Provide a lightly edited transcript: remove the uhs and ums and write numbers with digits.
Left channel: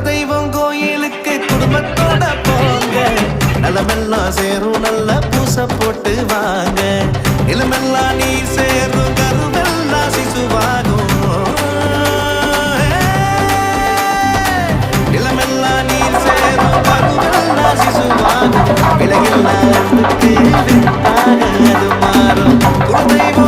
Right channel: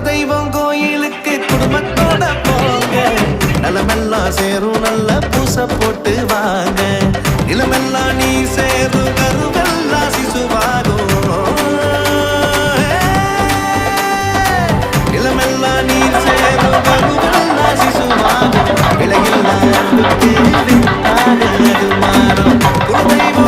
குலதெய்வம் கோயிலுக்கு குடும்பத்தோட போங்க. நிலமெல்லாம் சேரும் நல்ல பூச போட்டு வாங்க. நிலமெல்லாம் நீர் சேரும் கருவெல்லாம் சிசுவாகும். நிலமெல்லாம் நீர் சேரும் கருவெல்லாம் சிசுவாகும். விலையில்லா அன்புக்கு வித்தாக அது மாறும். குலதெய்வம்